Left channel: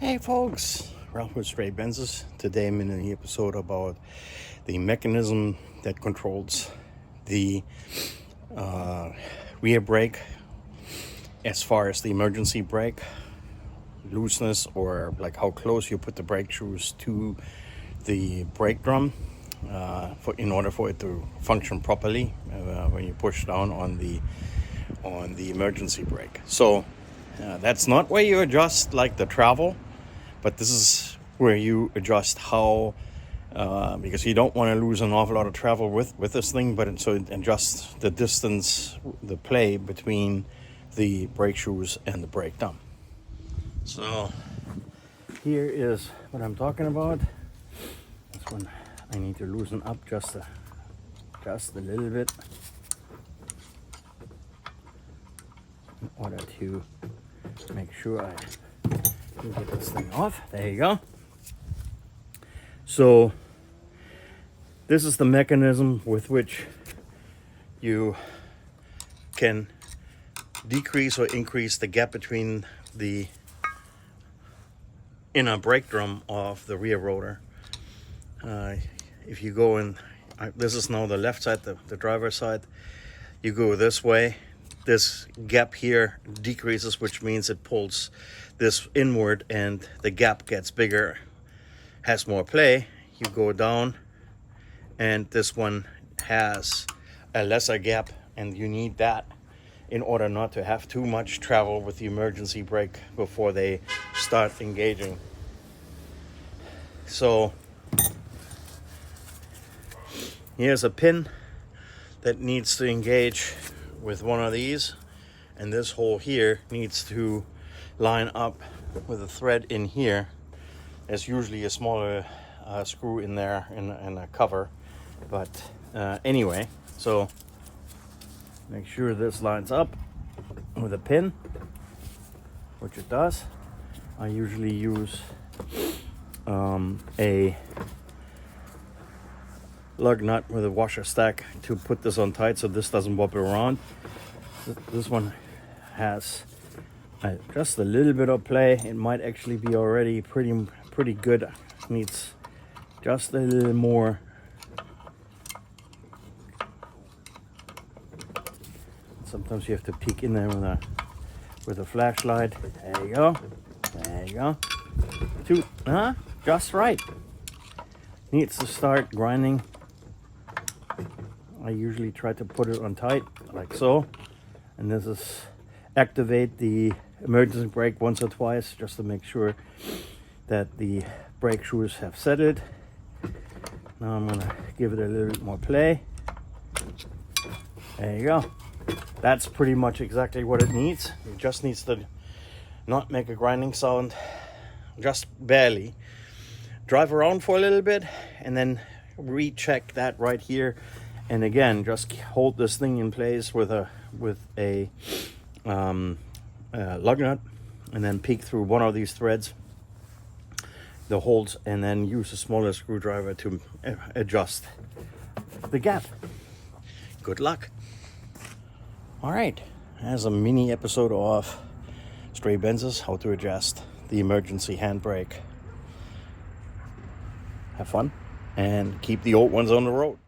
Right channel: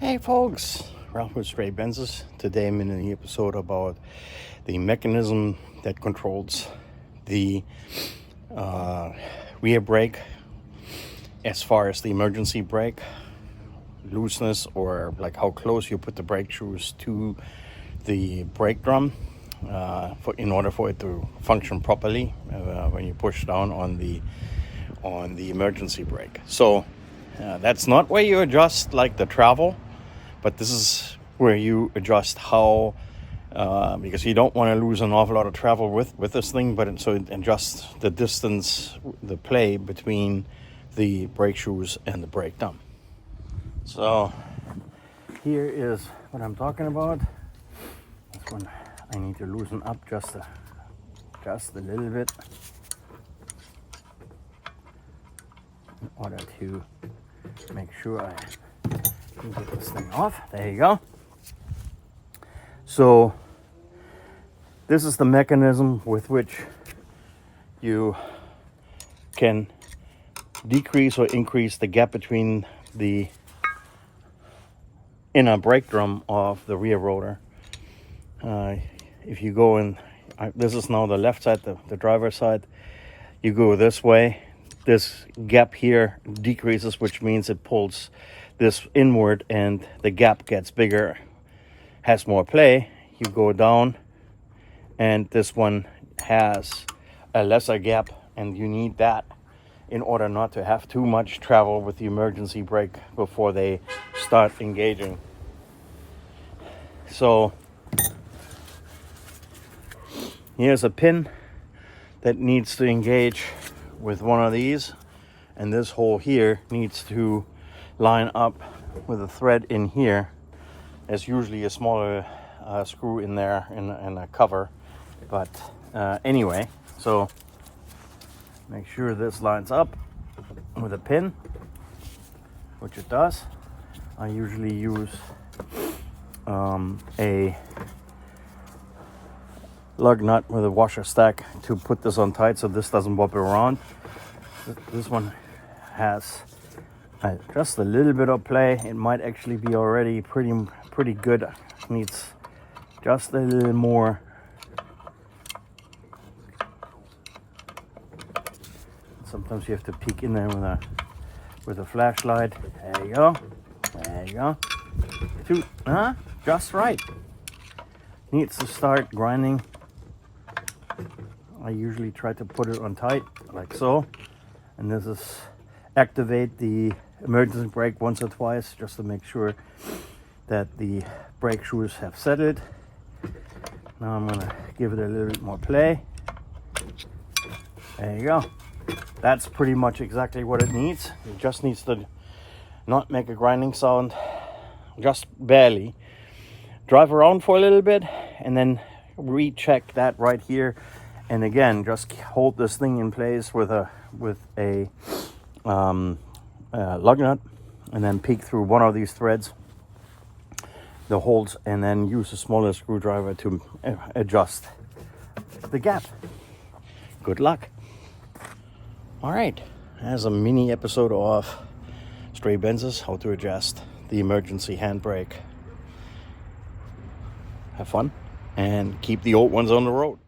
Hey folks, Ralf with Stray Benzes. Today I'm in an episode about the mechanism that controls the rear brake as far as the emergency brake looseness, or like how close you put the brake shoes to the brake drum in order for it to function properly when you push down on the emergency brake. So that's not where you adjust like the travel, but this is where you adjust how, because you don't want to lose an awful lot of travel with this thing, but so it adjusts the distance, the play between the brake shoes and the brake drum. So here is what I'm talking about. This one I need to loosen up just a little bit in order to make sure I can get this thing off. There you go. So this is the mechanism with which you can decrease or increase the gap between the inner brake drum of the rear rotor. If you go in, this is now the left side, the driver's side. You go this way, this gap here decreases, which means it pulls this inward and the gap gets bigger, has more play. You go down and this one has a lesser gap, and you need that in order not to have too much travel with the emergency brake before they start engaging. So here's a pin that needs to engage with one of these, and this hole here needs to line up with a thread in here. There's usually a smaller screw in there in a cover, but anyway, so make sure this lines up with a pin, which it does. I usually use a lug nut with a washer stack to put this on tight so this doesn't wobble around. This one has just a little bit of play. It might actually be already pretty good. Needs just a little more. Sometimes you have to peek in there with a flashlight. There you go. There you go. Just right. Needs to start grinding. I usually try to put it on tight like so, and this is activate the emergency brake once or twice just to make sure that the brake shoes have settled. Now I'm gonna give it a little bit more play. There you go. That's pretty much exactly what it needs. It just needs to not make a grinding sound, just barely. Drive around for a little bit and then recheck that right here. And again, just hold this thing in place with a lug nut, and then peek through one of these threads, the holes, and then use a smaller screwdriver to adjust the gap. Good luck. All right, as a mini episode of Stray Benzes, how to adjust the emergency handbrake. Have fun and keep the old ones on the road.